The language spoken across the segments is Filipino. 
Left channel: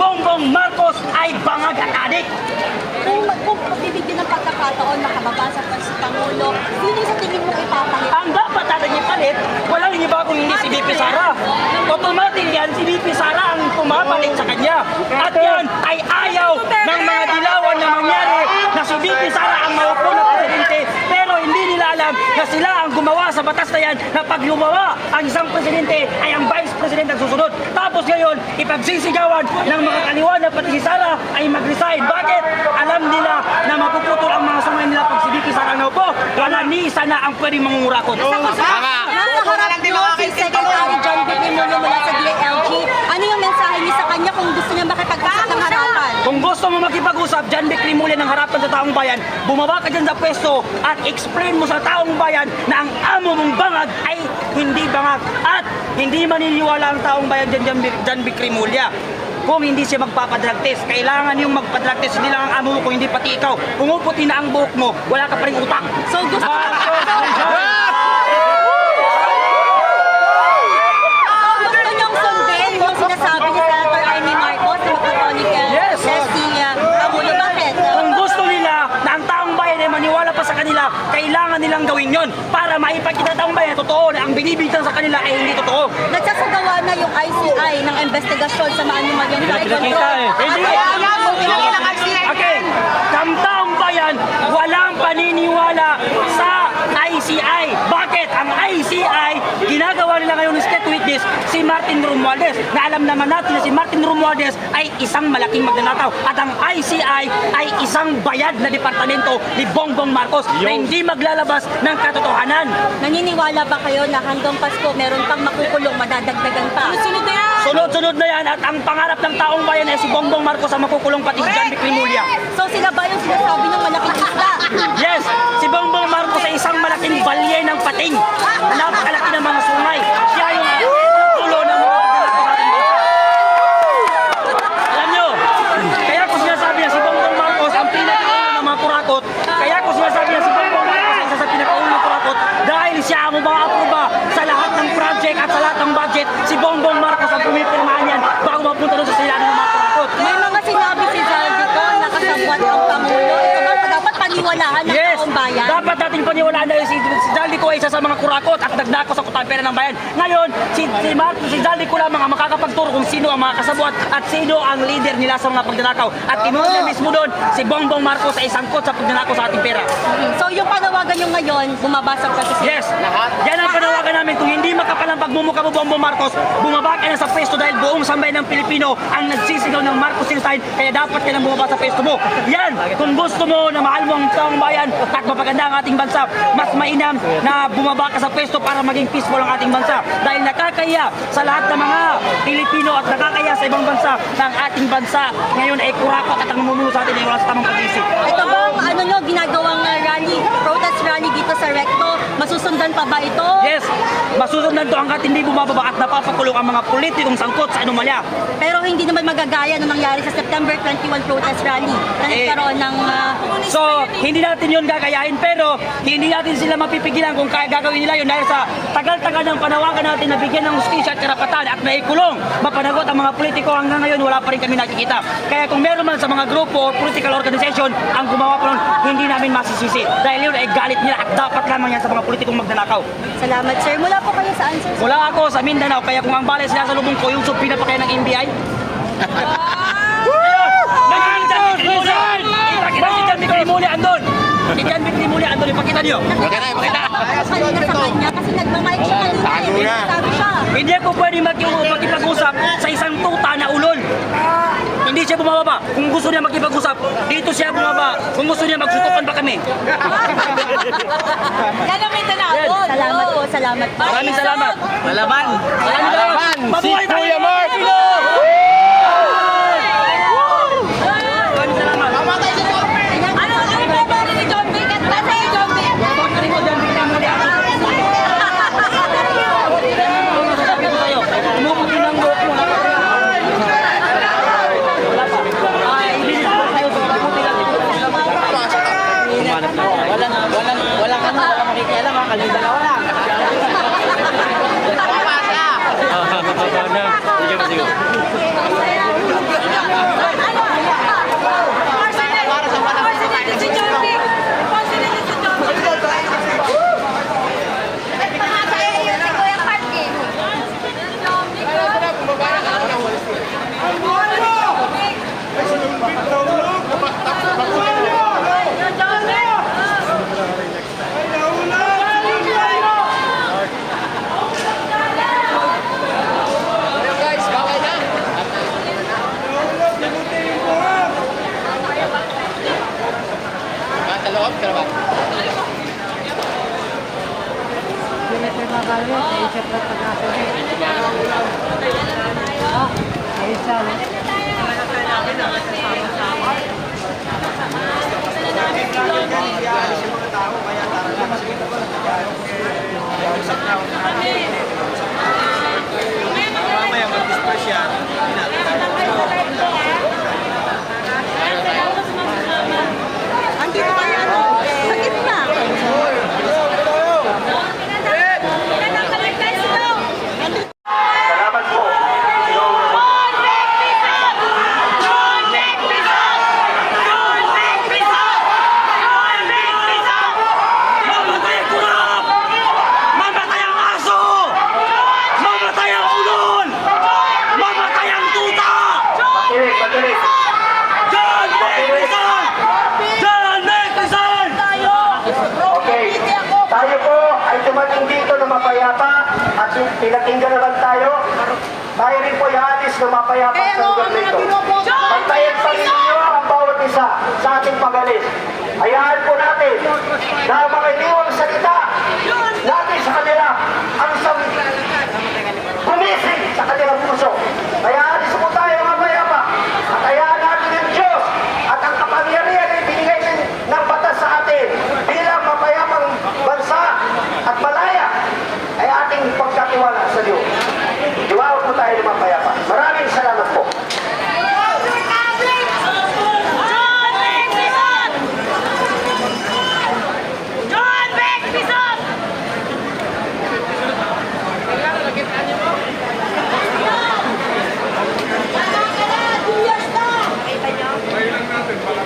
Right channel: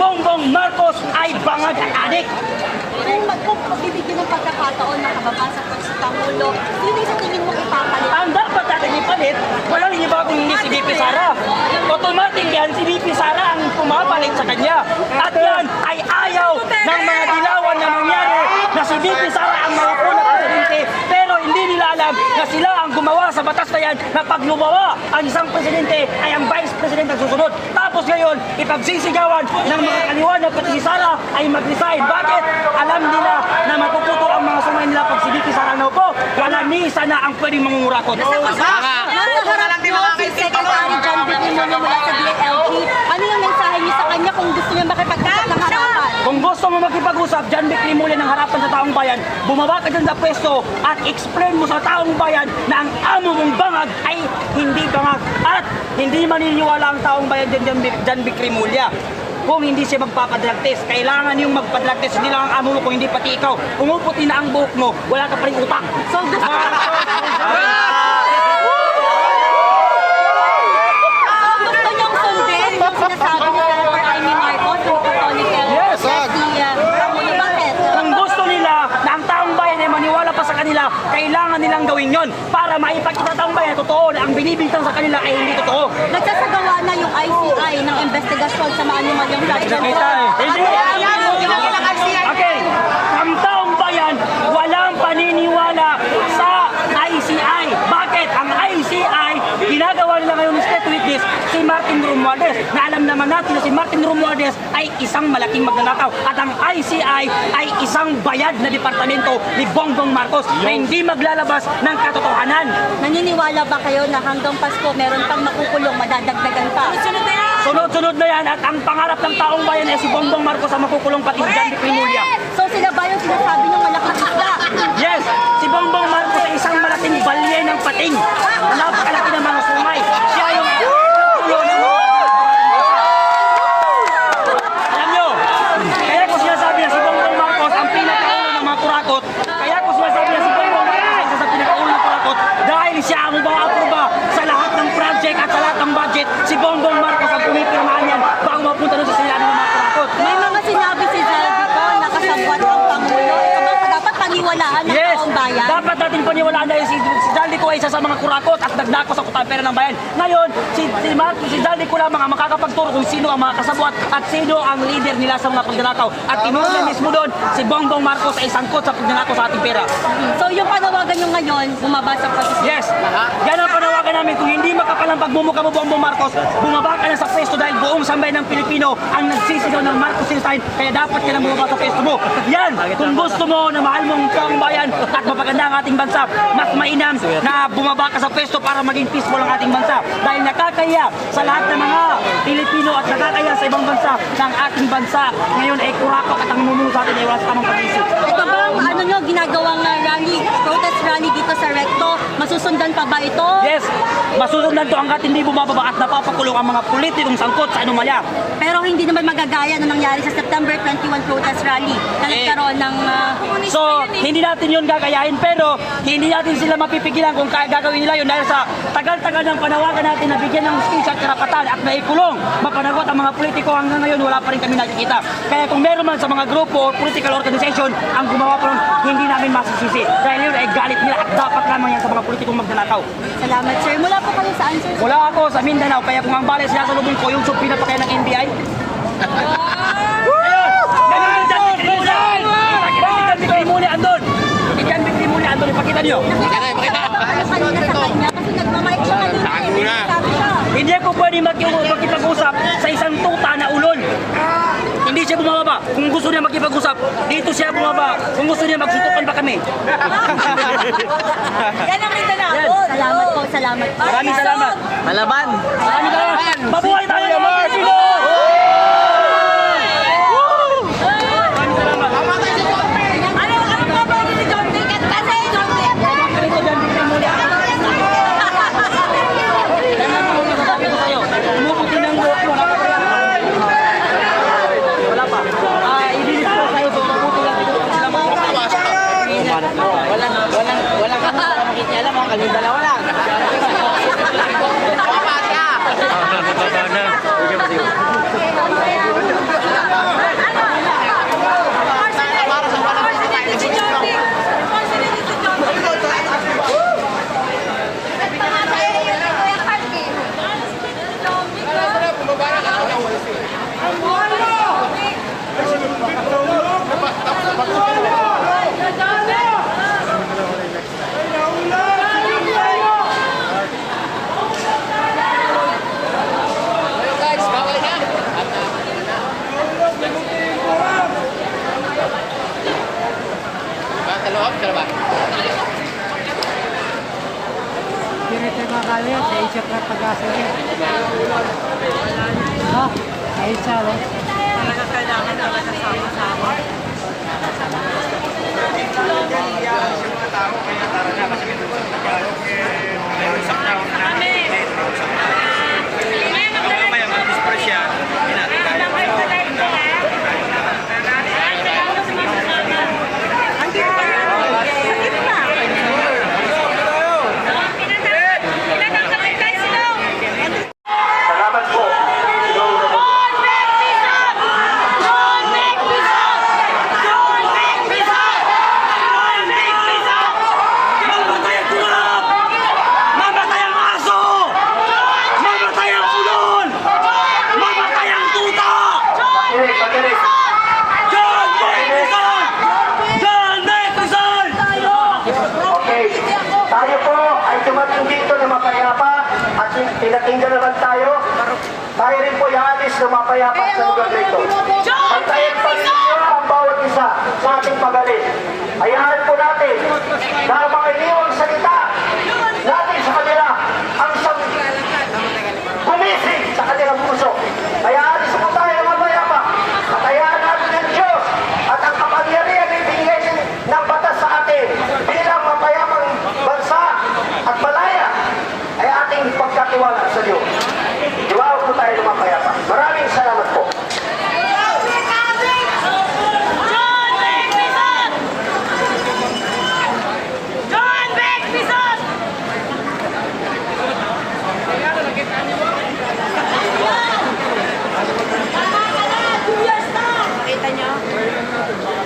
Bongbong Marcos ay bangag at adik. Kung bibigyan ng pagkakataon na kababasa pa si Pangulo, sino sa tingin mong ipapalit? Ang dapat natin ipalit, walang iba kung hindi si VP Sara. Automatic yan, si VP Sara ang pumapalit sa kanya. At yan ay ayaw ng mga dilawan na mangyari na si VP Sara ang maupo na presidente. Pero hindi nila alam na sila ang gumawa sa batas na yan na pag lumawa ang isang presidente ay ang vice president ang susunod. Tapos ngayon, ipagsisigawan ng mga kaliwan na pati si Sara ay mag-resign. Bakit? Alam nila na mapuputol ang mga sungay nila pag si VP Sara ang naupo. Wala ni isa na ang pwedeng mangungurakot. Nasa harap niyo si Secretary John B. Trimulyo mula sa DILG. Ano yung mensahe niyo sa kanya kung gusto niya makipag-usap ng harapan? Kung gusto mo makipag-usap, John B. Trimulyo ng harapan sa taong bayan, bumaba ka dyan sa pwesto at explain mo sa taong bayan na ang amo mong bangag ay hindi bangag. At hindi maniniwala ang taong bayan dyan, John B. Trimulyo. Kung hindi siya magpapadrug test, kailangan yung magpadrug test. Hindi lang ang amo mo kung hindi pati ikaw. Pumuputi na ang buhok mo, wala ka pa rin utak. So gusto niyong sundin yung sinasabi ni Senator Amy Marcos na magkatonical Yes. si Pangulo. Bakit? Kung gusto nila na ang taong bayan ay maniwala pa sa kanila, kailangan nilang gawin yon para maipakita taong bayan totoo na ang binibintang sa kanila ay hindi totoo. Nagsasagawa na yung ICI ng investigasyon sa maanumalyang flood control. Hindi. Okay, ang taong bayan walang paniniwala sa ICI. Bakit? Ang ICI, ginagawa nila ngayon ng state witness si Martin Romualdez, na alam naman natin na si Martin Romualdez ay isang malaking magnanakaw. At ang ICI ay isang bayad na departamento ni Bongbong Marcos na hindi maglalabas ng katotohanan. Naniniwala ba kayo na hanggang Pasko meron pang makukulong, madadagdagan pa? Sunod-sunod na yan at ang pangarap ng taong bayan ay si Bongbong Marcos ang makukulong pati si John B. Trimulyo. So sila ba yung sinasabi ng malaking isla? Yes, si Bongbong Marcos ay isang malaking balye ng pating. Napakalaki ng mga sungay. Siya yung tulo ng mga pagnanakaw sa ating bansa. Alam nyo, kaya ko sinasabi na si Bongbong Marcos ang pinakaulo ng mga kurakot. Kaya ko sinasabi na si Bongbong Marcos ay isa sa pinakaulo ng kurakot dahil siya ang umaaproba sa lahat ng project at sa lahat ng budget. Si Bongbong Marcos ang pumipirmahan yan bago mapunta doon sa silano ng mga kurakot. May mga sinabi si Zaldico na kasabwat ang Pangulo. Ito ba dapat paniwalaan ng Yes, taong bayan? dapat natin paniwalaan dahil si Zaldico ay isa sa mga kurakot at nagnako sa kutang pera ng bayan. Ngayon, si Zaldico lamang ang makakapagturo kung sino ang mga kasabwat at sino ang leader nila sa mga pagnanakaw. At tinulong mismo doon, si Bongbong Marcos ay sangkot sa pagnanakaw sa ating pera. So yung panawagan nyo ngayon, bumabasa pa si Yes, yan ang panawagan namin. Kung hindi makapal ang pagmumukha mo, Bongbong Marcos, bumaba ka na sa pwesto dahil buong sambayan ng Pilipino ang nagsisigaw ng Marcos Siltain, kaya dapat ka nang bumaba sa pwesto mo. Yan, kung gusto mo na mahal mo ang taong bayan at mapaganda ang ating bansa, mas mainam na bumaba ka sa pwesto para maging peaceful ang ating bansa. Dahil nakakaya sa lahat ng mga Pilipino at nakakaya sa ibang bansa na ang ating bansa ngayon ay kurakot at ang namumuno sa atin ay wala sa tamang pag-iisip. Ito bang ano nyo, ginagawang rally, protest rally dito sa Recto? Masusundan pa ba ito? Yes, masusundan to hanggat hindi bumababa at napapakulong ang mga politikong sangkot sa anomalya. Pero hindi naman magagaya na nangyari sa September 21 protest rally na nagkaroon ng... So, hindi natin yun gagayahin pero hindi natin sila mapipigilan kung kaya gagawin nila yun dahil sa tagal-tagal ng panawagan natin na bigyan ng hustisya at karapatan at naikulong, mapanagot ang mga politiko hanggang ngayon wala pa rin kami nakikita. Kaya kung meron man sa mga grupo o political organization ang gumawa pa nun, hindi namin masisisi dahil yun ay galit nila at dapat lamang yan sa mga politikong magnanakaw. Salamat sir. Mula po kayo sa answer sir. Wala ako sa Mindanao kaya kung ang balay sinasalubong ko yung subpina pa kaya ng NBI. Ayun! Ganun yung John B. Trimulyo! Ipakita si John B. Trimulyo andun! Si John B. Trimulyo andun, ipakita niyo! Ano kanina sa kanya kasi nagmamike siya kanina eh. Sabi siya. Hindi po pwede makipag-usap sa isang tuta na ulol. Hindi siya bumababa. Kung gusto niya makipag-usap, dito siya bumaba. Kung gusto niya, magsutukan pa kami. Yan ang Mindanao. Salamat po, salamat po. Maraming salamat. Malaban! Maraming salamat. Mabuhay tayo mga Pilipino! Maraming salamat. Bakit rin ko dyan, Victor Muli? Sabi ko sa'yo, umuputi ng buhok mo. Wala pa. Ibilis ko sa'yo kung mabuti ng buhok. Walang ano, baka makikialam ha, kalindang na. Bababa na. loob? Pero ba? Andito kayo ano? Sa gitna. Salamat po. Mamatay ang kurap! Mamatay ang aso! Mamatay ang ulol! Mamatay ang tuta! Pagaling. John Nicholson! John Nicholson! Okay. Tayo po ay dumating dito na mapayapa at pinakinggan naman tayo. Tayo rin po ihalis na mapayapa sa lugar na ito. Pantayin pa rin ninyo ang bawat isa sa ating pagaling. Hayaan po natin na makiliw ang salita natin sa kanila ang gumising sa kanilang puso. Kaya alis po tayo ng mapayapa at hayaan natin ang Diyos at ang kapangyarihan na ibinigay ng batas sa atin bilang mapayapang bansa at malaya ay ating pagkatiwala sa Diyos. Iwawag po tayo ng mapayapa. Maraming salamat po.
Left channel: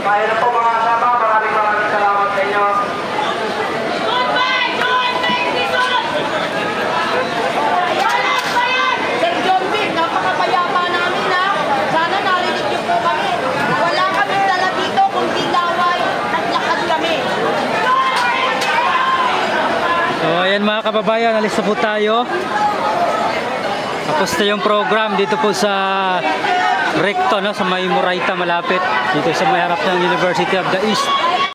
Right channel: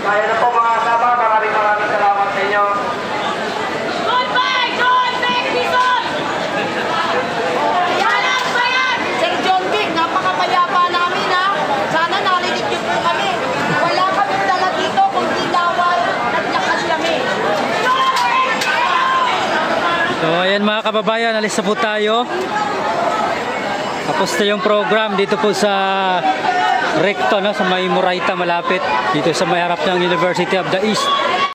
Kaya na po mga kasama, maraming salamat sa inyo. Wala kami dala dito kundi laway. Naglakad kami. So ayan mga kababayan, alis na po tayo. Tapos na yung program dito po sa Recto, no, sa may Murayta malapit. Dito sa may harap ng University of the East.